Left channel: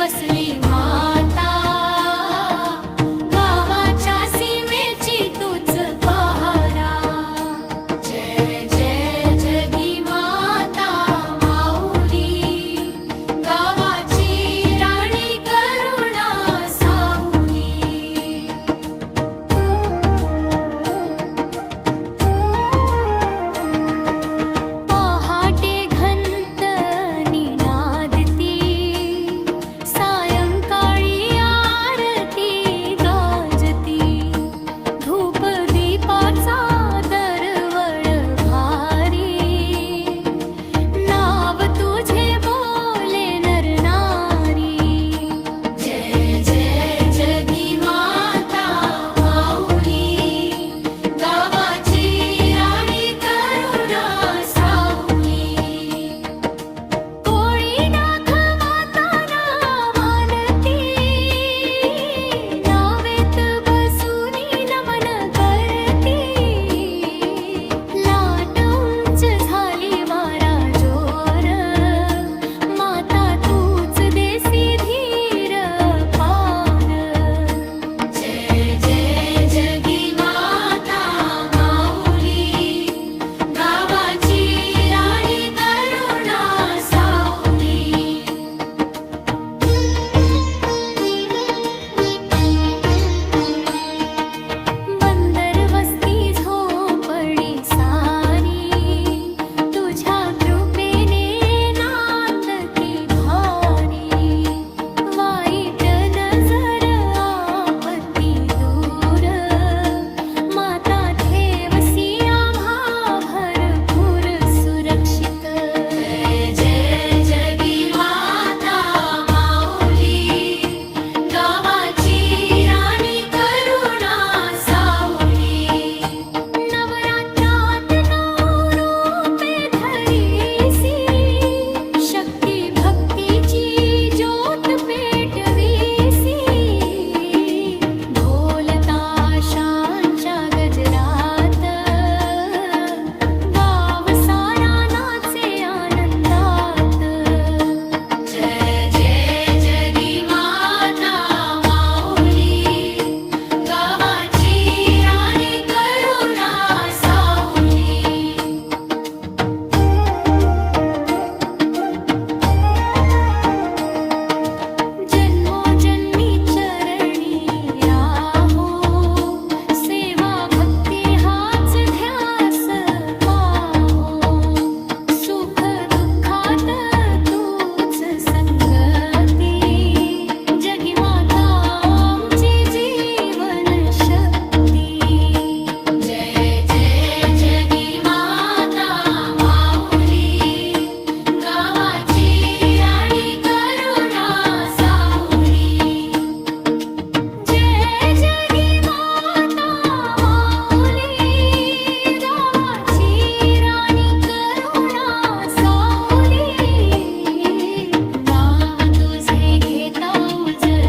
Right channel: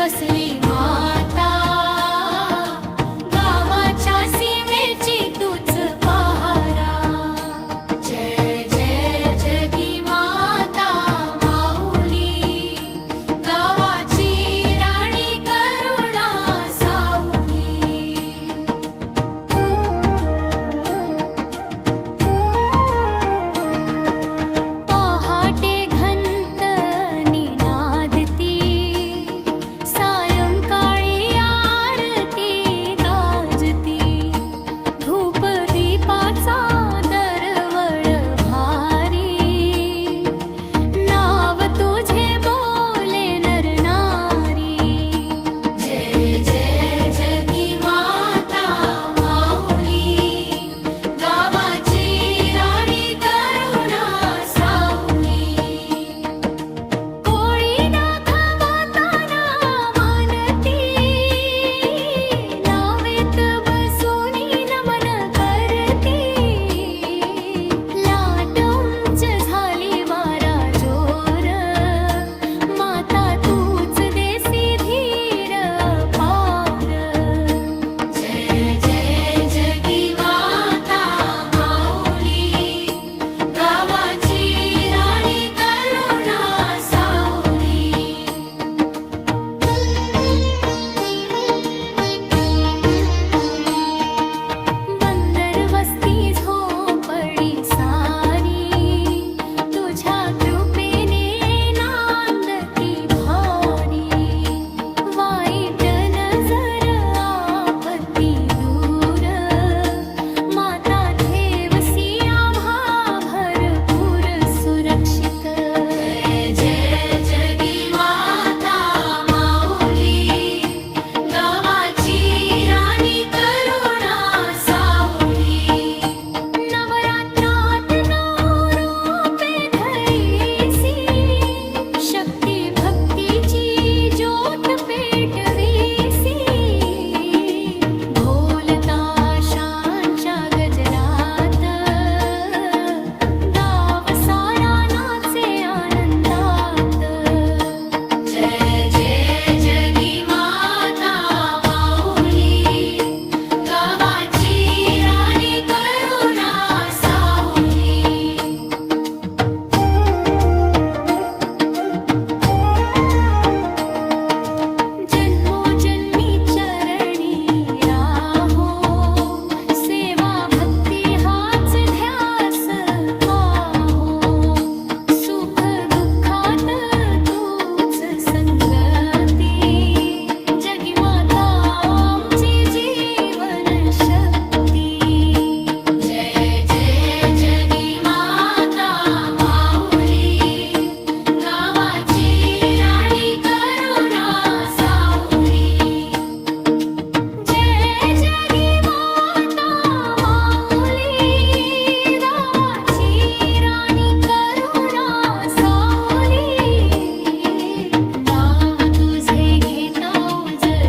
वसली माता, गावाच्या सीमेची तूच पहारा. जय जय जगी माता माऊली, गावाची राणी करुणा सावली. पहाटे घंट निनादती, सायंकाळी आरती गाजती. धूप दीपाचा दरवळ भारी, नाव तुझे बोले नर नारी. जय जय जगी माता माऊली, गावाची राणी करुणा सावली. कोळी दाखवताना मानती, नावेत बसूनी नमन करती. लाट उंच झाली वारा जोर, माता तूच देसी धीर पार. जय जय जगी माता माऊली, गावाची राणी करुणा सावली. बंदर वस्ती झोपडी सारी, तुझ्या कृपेने नांदती भारी. वाईट नजर आपत्ती दूर, माता ठेवसी आम्हा भरपूर सुरक्षित. जय जय जगी माता माऊली, गावाची राणी करुणा सावली. नवरात्रात नऊ रूपे धरीसी, शक्ती भक्तीची ज्योत पेटवीसी. ढोल ताशांच्या गजरात, गाव सारा नाचे आनंदात. जय जय जगी माता माऊली, गावाची राणी करुणा सावली. जन्मोजन्मी चरणी राहो, सेवा भक्ती हाच ध्यास पाहो. सुख दुःखात तूच संगती, जगी माता आमची जीवन शक्ती. जय जय जगी माता माऊली, गावाची राणी करुणा सावली. जय जगी माता माऊली, गावाची राणी करुणा सावली. नाव तुझे घेता उजळी,